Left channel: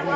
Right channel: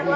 Good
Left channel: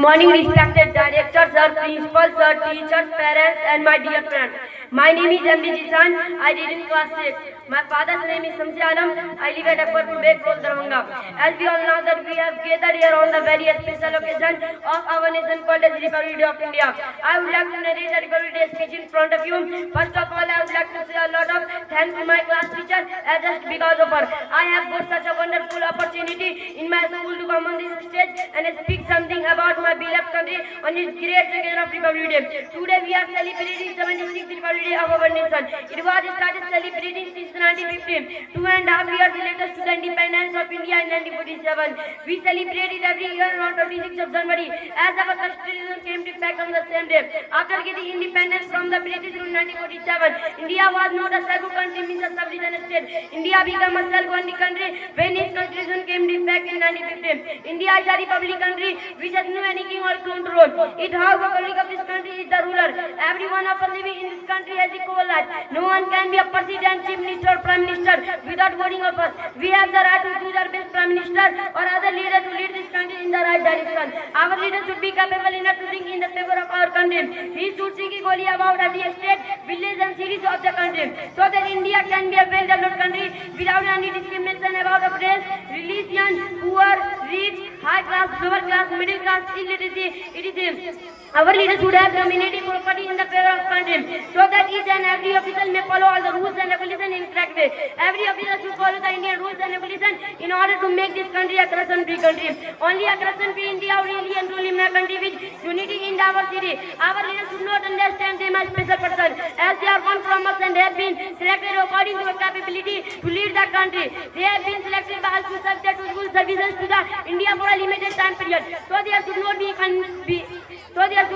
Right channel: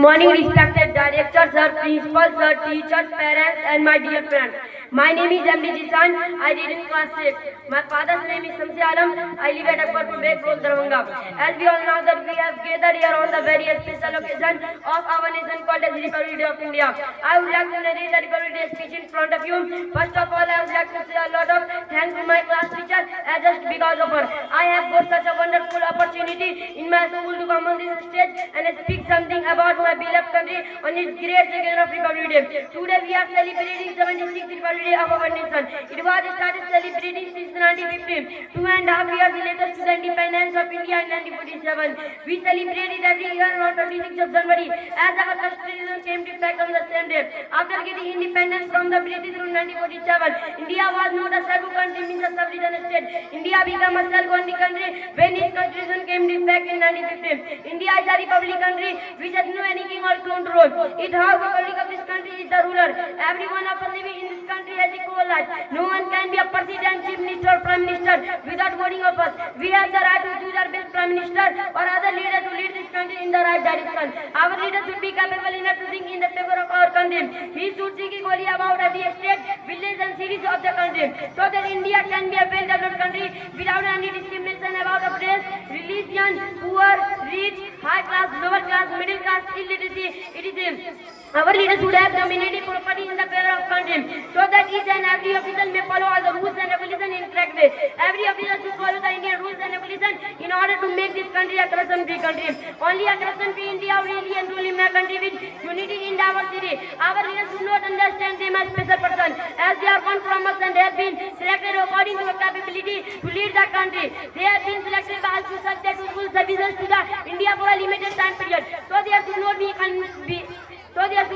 morning, respected director, sir, principal, sir, teachers, parents, and my dear friends. My name is M.D. Jisan. I read in class 6. My father's name is Samsi Alam. I live at Akbarpur Beg, Darbhanga. As we all know that we have gathered here on the very special occasion of our nation called as Republic Day of India. I would like to narrate the Republic Day speech in front of you. First of all, I would like to say a lot of thanks to my class teacher, as just because of her, I have got such a wonderful opportunity in my school to come on this stage and speak something about my beloved country on its great occasion of Republic Day. Today we are celebrating 76th Republic Day of our nation. It was started celebrating since 1915. 2.5 years later to the independence of India in 1947. We celebrate it every year on 26th of January as our constitution came to effect on the same day. After getting independence from the British in 1947, India was not a self-governed country, means a sovereign state. India became a self-governing country when its constitution came to effect in 1915. India is a republic country which has no any king or crown to rule. It has the public of this country is the ruler. Everyone of us living in this country has equal rights. No one can be a president, chief minister, or prime minister without voting of us. We have the right to choose our best prime minister or other leader to lead this country in the right direction. Our leader should be capable enough to think in the favor of our country. He should think equally about every state, village, and cities of the country, so that India can be a well-developed country without any discrimination about of race, religion, poor, rich, high class, lower class, middle class, illiteracy. It is our leaders should have community property in the favor of country, so that each and every official may follow all the rules and regulations in correct way. Every official should follow the Indian rules and regulations in order to make this country a corruption-free country. Only a corruption-free India really and rule in a country with unity in diversity. Our leaders should not understand them as special person, as they are one from us and they have been selected according to a capability to lead the country. They have been selected by us to serve their useful services to the India for a limited time period. So there should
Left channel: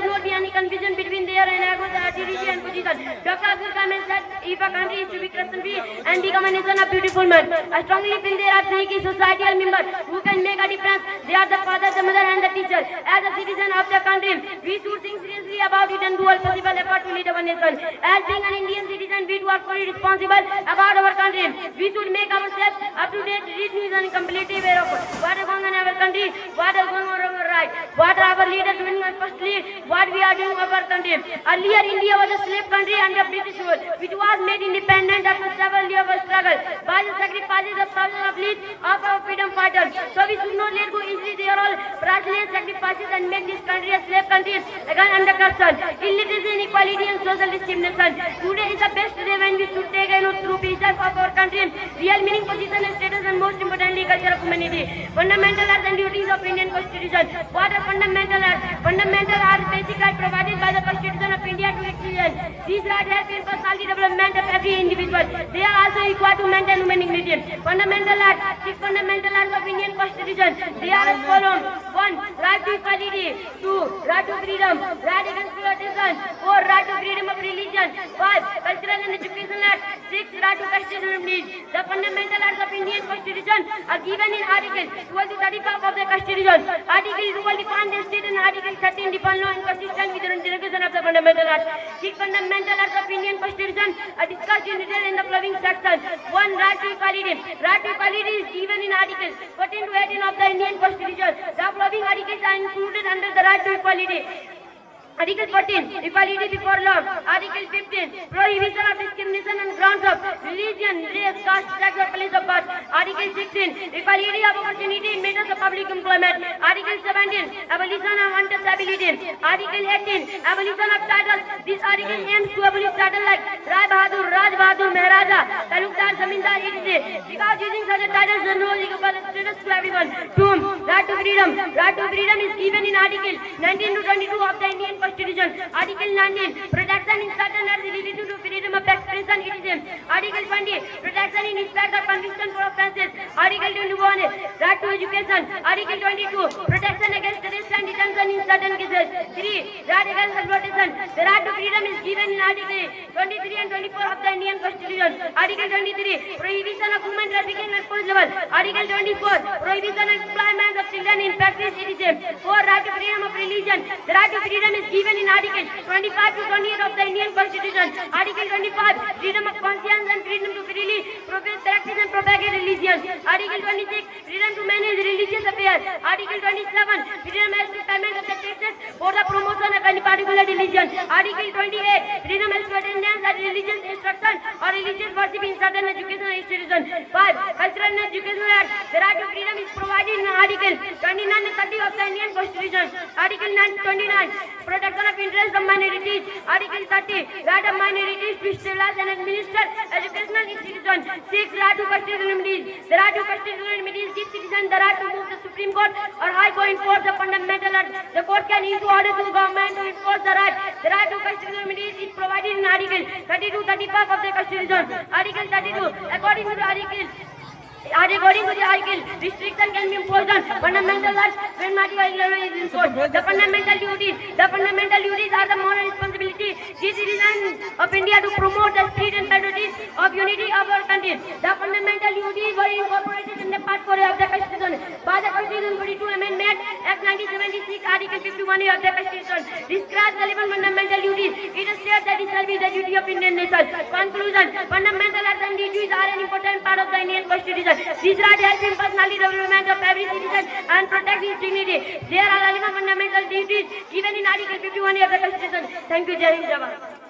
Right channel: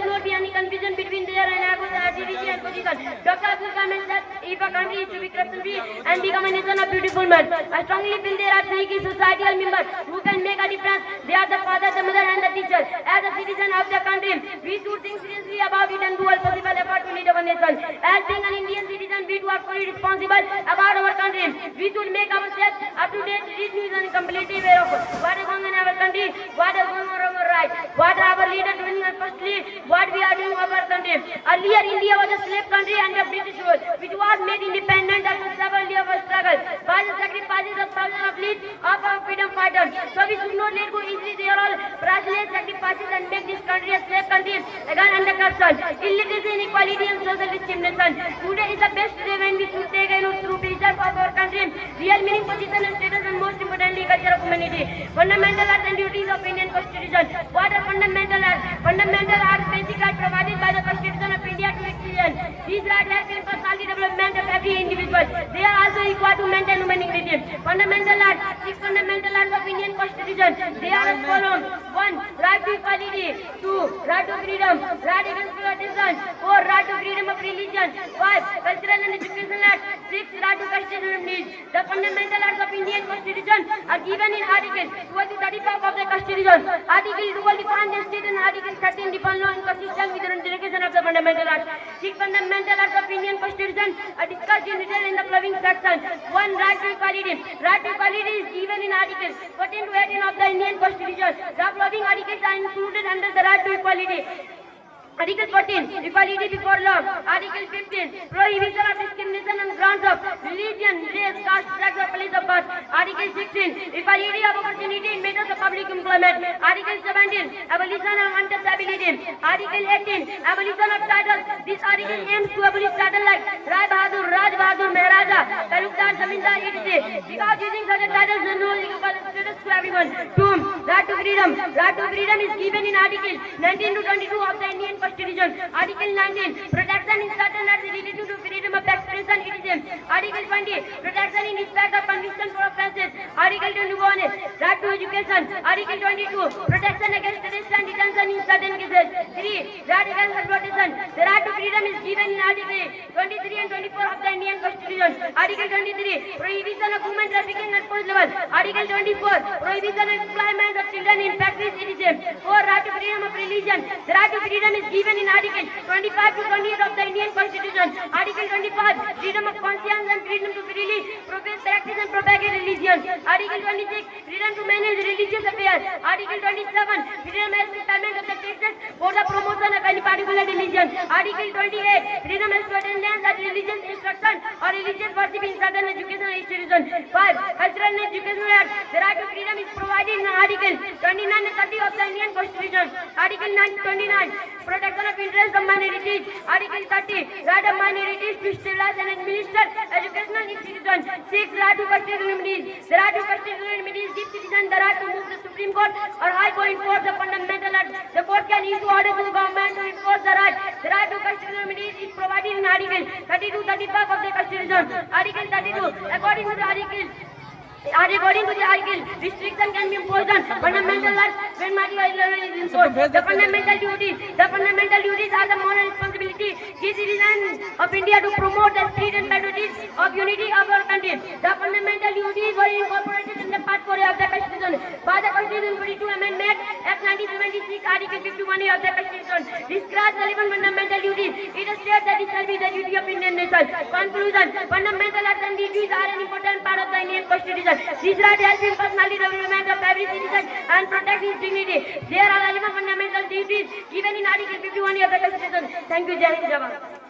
not be any confusion between their and judiciary and position. Dr. Abdul Kalam said, if a country is to be corruption-free and become a nation of beautiful men, I strongly feel there are three key societal members who can make a difference. They are the father, the mother, and the teacher. As a citizen of the country, we should think seriously about it and do all possible effort to lead our nation. As being an Indian citizen, we do are fully responsible about our country. We should make ourselves up to date, read news, and completely aware of what is going on in our country, what is going on in our right, what are our leaders doing, and firstly, what we are doing of our country. Earlier, India was a slave country under British rule, which was made independent after several years of struggle by the sacrifices of thousands of lives of our freedom fighters. So we should not let go easily their all priceless sacrifices and make this country a slave country again under corruption, illiteracy, inequality, and social discrimination. Today is the best day when we should take a note through preserve of our country, real meaning, position, and status, and most importantly, culture of humanity. Fundamental rights and duties of Indian Constitution. What are fundamental rights? Fundamental are basic rights provided by the Constitution of India to its citizens. These rights have been personality development of every individual. They are also equal to maintain human dignity. Fundamental rights. Six fundamental rights of Indian Constitution. They are as follows: 1. Right to equality. 2. Right to freedom. Right against exploitation. 4. Right to freedom of religion. 5. Cultural and educational rights. 6. Right to constitutional remedies. The fundamental rights of Indian Constitution are given in Article 12 to 35 of the Constitution. Article 12 defines the state and Article 13 defines law inconsistent with the derogation of the fundamental rights. 6 fundamental rights of Indian Constitution are discussed in detail in the following section. 1. Right to equality. Right to equality is given in Articles 14 to 18 of the Indian Constitution. The following articles are included under the right to equality. Article 14, equality before law. Article 15, prohibition of discrimination on grounds of religion, race, caste, sex, or place of birth. Article 16, equality of opportunity in matters of public employment. Article 17, abolition of untouchability. Article 18, abolition of titles. This article aims to abolish titles like Rai Bahadur, Raj Bahadur, Maharaja, Talukdar, Zamindar, etc. Because using such a titles does not equal status to everyone. 2. Right to freedom. Right to freedom is given in Article 19 to 22 of the Indian Constitution. Article 19, protection in certain rights related to freedom of expression. It is Article 20, protection in respect of conviction for offences. Article 21, right to education. Article 22, protection against arrest and detention in certain cases. 3. Right against exploitation. The right to freedom is given in Article 23 and 24 of the Indian Constitution. Article 23, prohibition of human trafficking at forced level. Article 24, prohibition of employment of children in factories. It is 4. Right to freedom of religion. The right to freedom is given in Article 25 to 28 of the Indian Constitution. Article 25, freedom of conscience and freedom to freely profess, practice, and propagate religion. Article 26, freedom to manage religious affairs. freedom as to payment of the taxes for the promotion of any particular religion. Article 28, freedom as to attendance at religious instruction or religious worship in certain educational institutions. 5. Cultural and Educational Act. The right to freedom is provided in Article 29 and 30 of the Indian Constitution. Article 29, protection of interests of minorities. Article 30, right of minorities to establish and administer educational institutions. 6. Right to constitutional remedies. The right to constitutional remedies gives citizens the right to move the Supreme Court or High Court to enforce the fundamental right. The court can issue orders to the government to enforce the right. The right to constitutional remedies is provided in Article 32-35 of the Constitution. Article 32, according to the article, restriction can be imposed on fundamental rights when material is enforced. The fundamental duties are the moral responsibility the citizens of India to promote the spirit and patriotism of unity of our country. The fundamental duties were incorporated in the Part 4 of the Constitution by the Constitution 42 Amendment Act 1976, Article 51 of the Constitution describes the 11 fundamental duties. It states that it shall be the duty of Indian nation. Conclusion: fundamental rights and duties are an important part of the Indian Constitution. These rights help in personal development of every citizen and protect his dignity. There are 11 fundamental duties given in Article 51 of the Constitution. Thank you, Jai Hind, Jai Bharat.